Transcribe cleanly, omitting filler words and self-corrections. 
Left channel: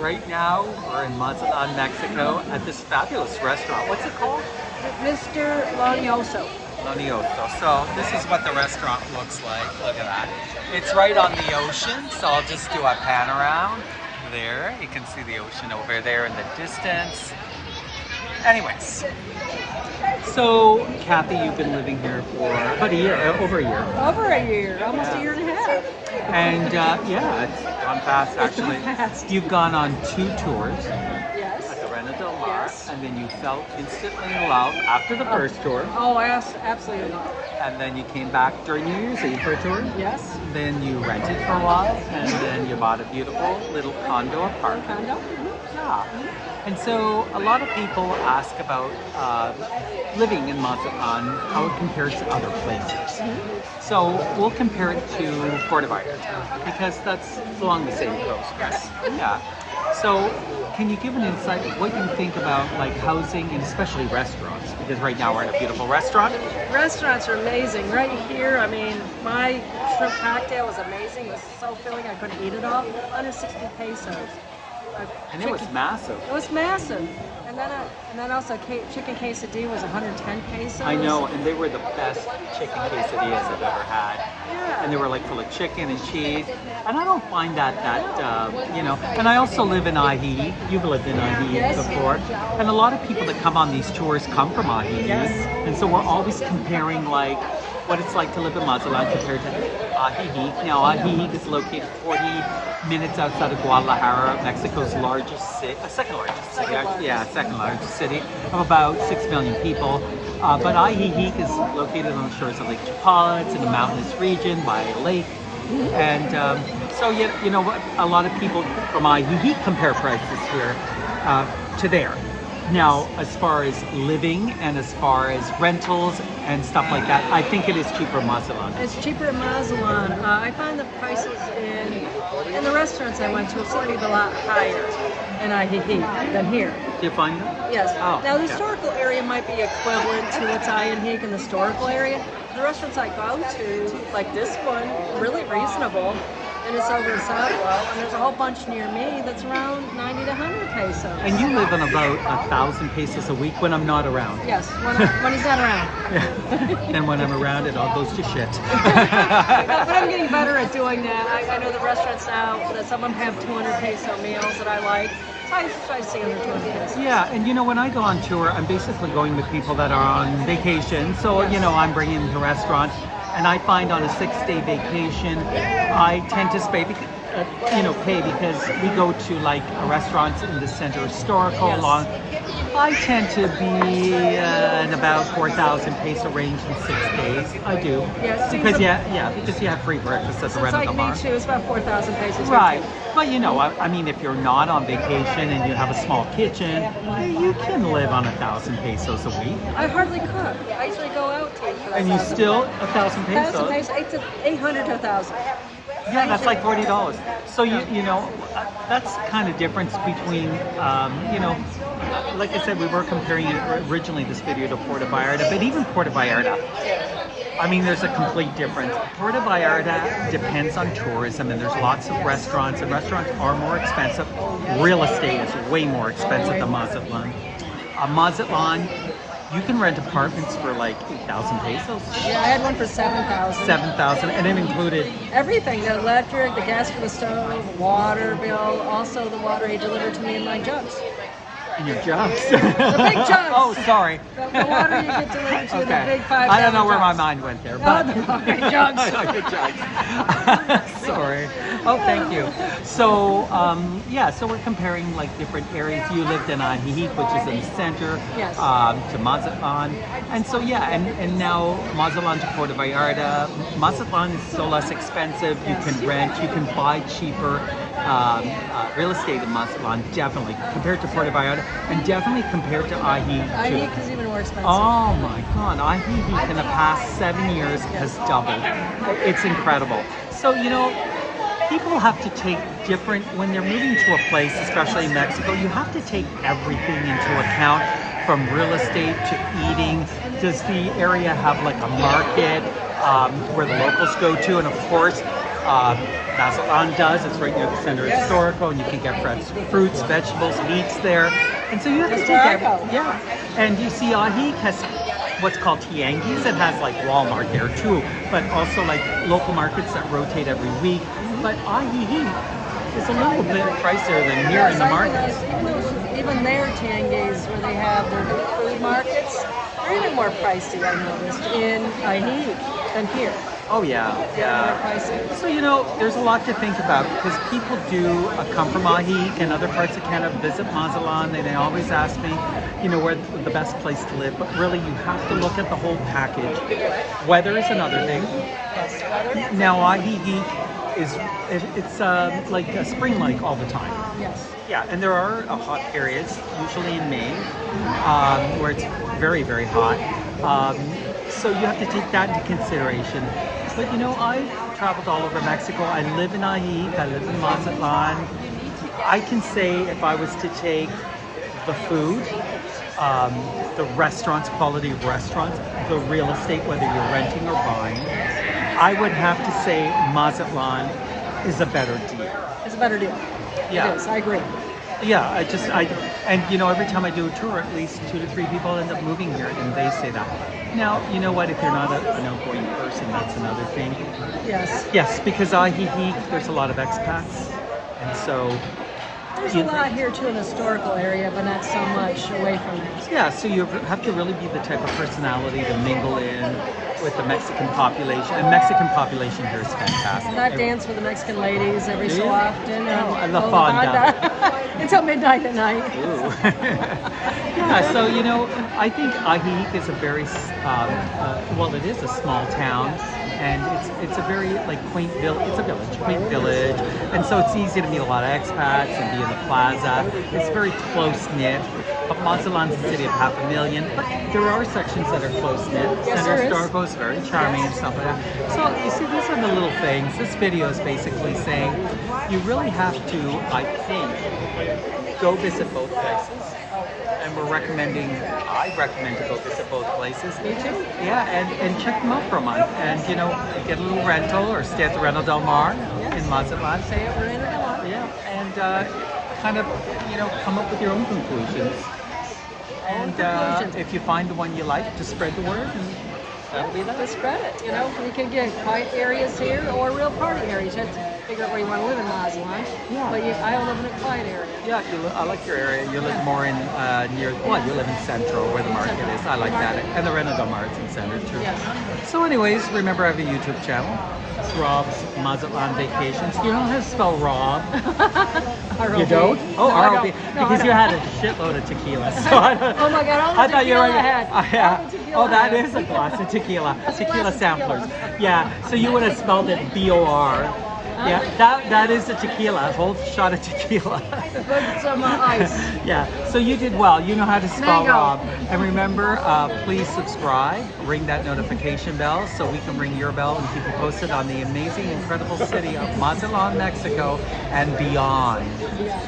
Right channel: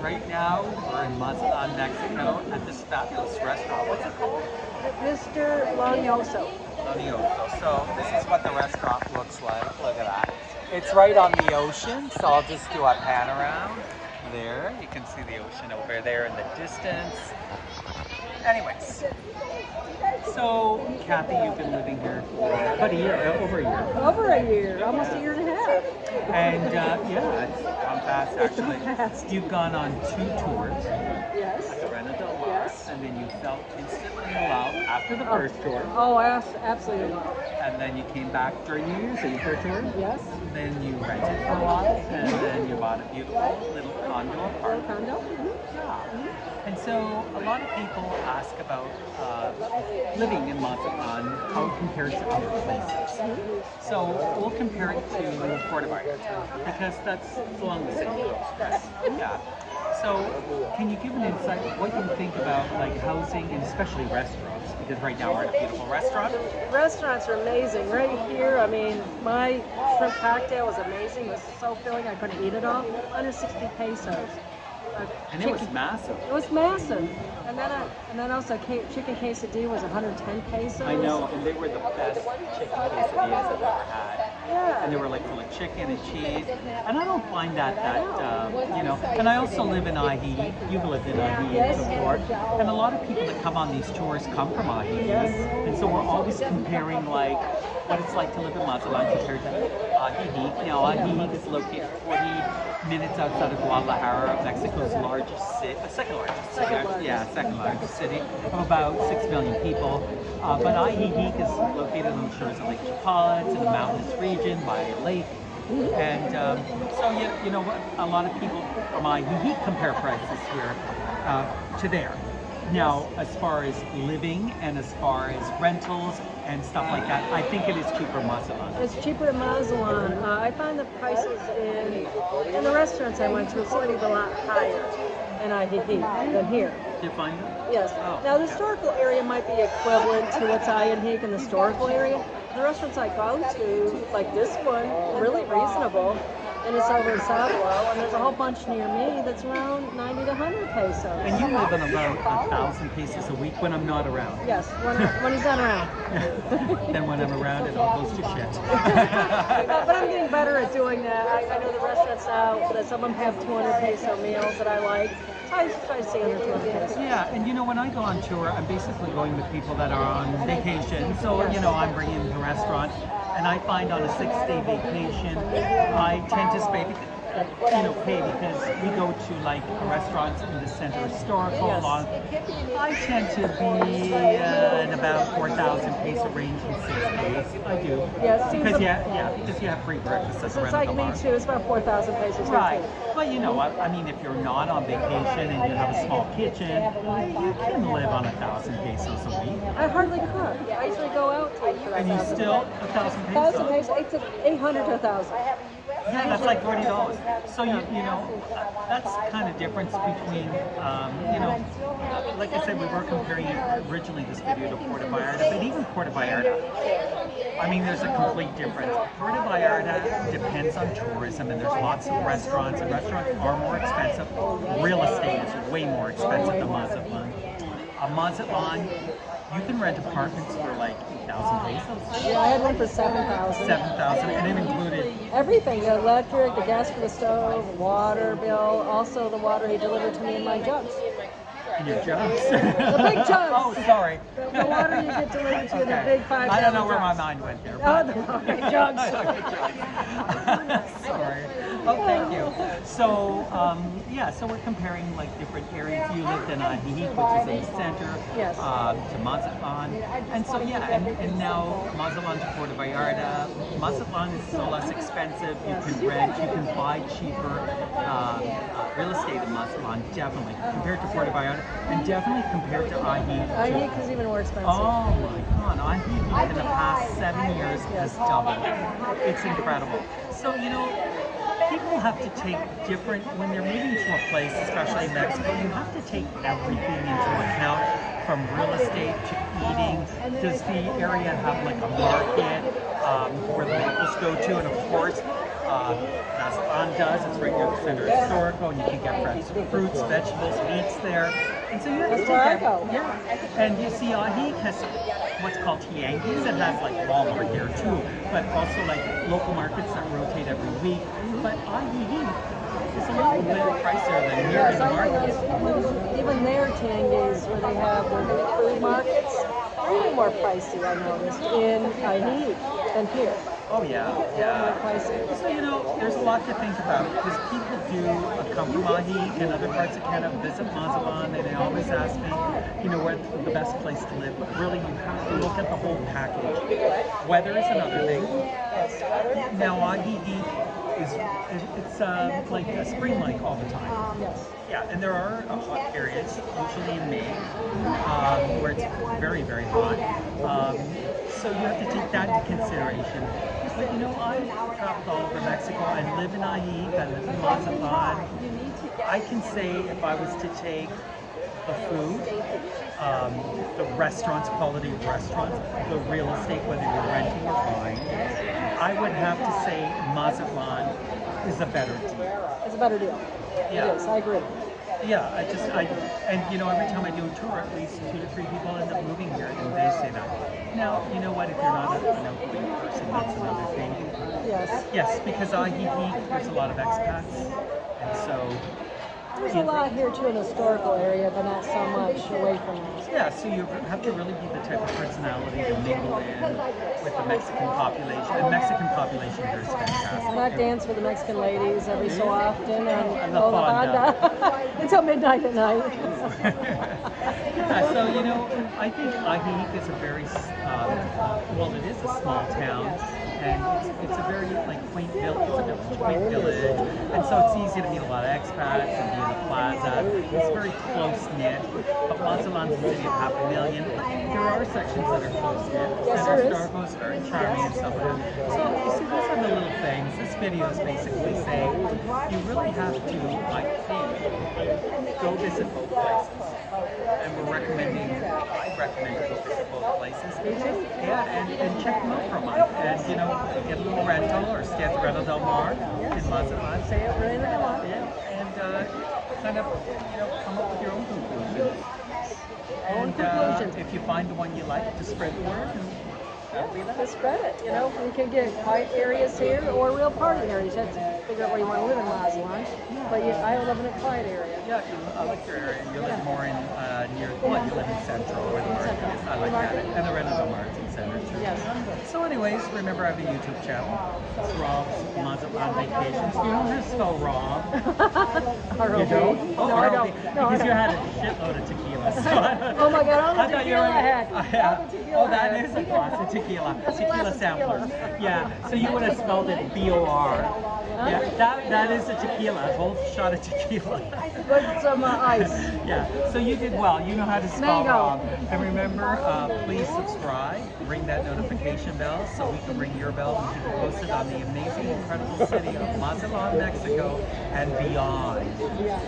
Right now, we're in Mazatlan, Mexico, at this fabulous restaurant. What's it called? Mr. Lonioso. Lonioso. So this is what the restaurant looks like. Look at that. It's right on the ocean, so I'll just do a pan around. There, you can see the ocean over there in the distance. Anyways, so Kathy, you've been living here for about a year, over a year. Over a year, almost a year and a half. And yeah, it's gone fast actually. You've gone on 2 tours. Yes. At the Reina del Mar, Yes. and then you fell instantly in love after the first tour. Oh, absolutely love. And then you came back during New Year's Eve for a tour. Yes. Then you rented for a while, and then you bought a beautiful little condo apartment. Condo. Yeah. And so a lot of people ask about living in Mazatlan, how it compares to other places. So we'll compare it to Puerto Vallarta because that's along the same coast, right? Yeah. So can you give an insight of what you think about like housing and especially restaurants? Because right now we're in a beautiful restaurant. Restaurants are amazing. Right here, I mean, my shrimp cocktail was amazing. It was so filling, I couldn't eat it all. 160 pesos. And it was massive. It was massive. And then also chicken quesadilla was 110 pesos. I know, and they were the best chicken quesadillas I've ever had. Yeah. And they were like full of chicken and cheese. And I don't find that, you know, and I also live in Ajijic. You've lived in Ajijic Yes. before. And a lot of people that come on these tours come from Ajijic. Yes. And so we're always comparing like what it's like to live in Mazatlan compared to Ajijic. Now Ajijic is located 40 minutes outside of Guadalajara, Mexico's largest city, second largest city, actually, yeah, second largest city of about 6 million people. But Ajijic is located on the shores of Lake Chapala. It's in a mountainous region by a lake. And so, you know, a lot of people from Ajijic compare prices here to there. Now, as far as living and as far as rentals and stuff like that, I think it is cheaper in Mazatlan. It's cheaper in Mazatlan. I find the prices in the restaurants I went to seem to be a lot higher in Ajijic than here. Do you find that? Yes. Oh, Now the yeah. historical area might be equivalent to what's Ajijic in the historical area. The restaurants I go to, like this one, really reasonable. And it's over in Southwell, and there's a whole bunch near me that's around 90 to 100 pesos. And you live on about 1,000 pesos a week when I'm not around. Yes, when he's not around. And when I'm around, it all goes to shit. No, but I'm getting better at doing that. I know the restaurants now that some of them have 200 peso meals that I like. So I try to stay under 200 pesos. Yeah, and you know, when I go on tour, I'm basically going with people that are on vacation. So, Yes. you know, I'm bringing them to restaurants. And I find on a 6-day vacation, I tend to pay because we go to like restaurants in the center historical Yes. along. I tend to be in about 4,000 peso range in 6 days. I do. Yeah, it seems because a- because you have free breakfast at the So it's like Reina del me Mar. too. It's about 4,000 pesos. Right. But you know, I mean, if you're not on vacation and you have a small kitchen, you can live on 1,000 pesos a week. I hardly cook. I usually go out to eat for that. And you still 1,000 pesos. 1,000 pesos, 800 to 1,000. Yeah, that's like $40. So you know, that's kind of difference between you know, like I said, we were comparing it originally this video to Puerto Vallarta, but even Puerto Vallarta, I mean, there's a complete difference. Puerto Vallarta depends on tourism, and there's lots of restaurants, and restaurants are more expensive. Real estate is way more expensive than Mazatlan. Mazatlan, you can rent apartments for like 8,000 pesos. Yeah, I had one for 7,000. 7,000, and it included Everything, the electric, the gas for the stove, water bill, also the water he delivered to me in my jugs. in your jugs. The big jugs. Oh, sorry. The water you get delivered to, Okay. the big 5 I don't know where my jugs. mind went there. No, But the big jugs. Big jugs. Sorry. Oh, thank you. So, yeah, so we're comparing like different areas. You lived in Ajijic, which is in the center, Yes. to Mazatlan. And so, yeah, and now Mazatlan to Puerto Vallarta. Mazatlan is so less expensive. Yes. You can rent, you can buy cheaper real estate in Mazatlan, definitely, compared to Puerto Vallarta, and definitely compared to Ajijic. Ajijic is even more expensive. Oh my God, Ajijic in the past 7 years has doubled. It's incredible. So, you know, people have to take different, when they're moving to a place, especially in Mexico, you have to take everything into account, from real estate to eating. Does the area have like a market where the locals go to? And of course, Mazatlan does. It's right near the center of historical, and you can get fresh fruits, vegetables, meats there. And so you have to That's take where I that. go. Yeah. And you see, Ajijic has what's called tianguis. It has like Walmart there too, but also like local markets that rotate every week. But Ajijic is a little bit pricier than here in the markets. Even their Tangays, where they have their food markets, they're even more pricey, I noticed, in Ajijic than here. Oh yeah, They're more yeah. pricey. So there's a lot to think about because people do come from Ajijic and other parts of Canada, visit Mazatlan, and they always ask me, where the best place to live. But really, you have to look at the whole package. Weather is another thing. Yes, weather? Now Ajijic it's like a spring-like all the time. Yes. Yeah, and there are hot periods, usually in May, where it's very, very hot. So you have to take that into consideration. But I've traveled all over Mexico. I live in Ajijic, I live in Mazatlan. I can say if I was to take the food, the restaurants, quality of restaurants, the real estate, whether you're renting or buying, I would have to say Mazatlan is a better deal. It's a better deal. Yeah. It is, I agree. Yeah, every time I do a tour, at least 2 to 3 people end up moving here, and they say that. Now, you know what? If you're not an outgoing person, that's another thing. Yes. Yes, because Ajijic, there's a lot of expats, and so There's a lot here too in the historical area, but not so much away from it. yeah, so you have to really be the type of personality to mingle in with the Mexican population. And Mexican population here is fantastic. And I dance with the Mexican ladies every Do so you? often. Oh, And La Fonda. until midnight at night. Ooh. Yeah, so I think Ajijic is a very well, it is a small town, and it's a very quaint village. It's a village, quaint village, and so it's easy to meet a lot of expats and be in the plaza. It's very close knit. But Mazatlan's a city of 500,000, but there are sections that are close knit. Yes, Center there is. Historical is very charming and stuff like that. So you see, these are the little things. This video is basically saying you really have to, I think, go visit both places. And I recommend to go visit both places. Me too. Yeah, and check them out for a month. And, get a little rental or stay at the Rental Del Mar in Mazatlan. Say it, we're in it a lot. Yeah, and kind of, come up with your own conclusions. And conclusions. if you find the one you like, just spread the word. And that'll be that. Just spread it, You can get quiet areas here or real party areas. You have to figure out where you want to live in Mazatlan. Yeah. But I live in a quiet area. Yeah, I like your area. You live more in you live in Central where the market is. I like that. And the Rental Del Mar is in Center too. Yes. So anyways, remember I have a YouTube channel. It's Rob's Mazatlan Vacations. You know how to spell Rob? You don't? Oh, no, I ROB. don't. No, I Because don't. you had a shitload of tequila. So Oh my God, all the tequila I had. All the tequila Oh, that I had. is a glass of tequila. That's a Tequila glass of samplers. tequila. Yeah, so you would have spelled it B-O-R. Yeah, that is a tequila, a whole shot of tequila. With some ice. Yeah, so you did well. You know how to spell Mango. Rob. And remember, please subscribe, ring that notification bell so we can ring your bell and keep you posted on the amazing, incredible city of Mazatlan, Mexico, and beyond. Yeah.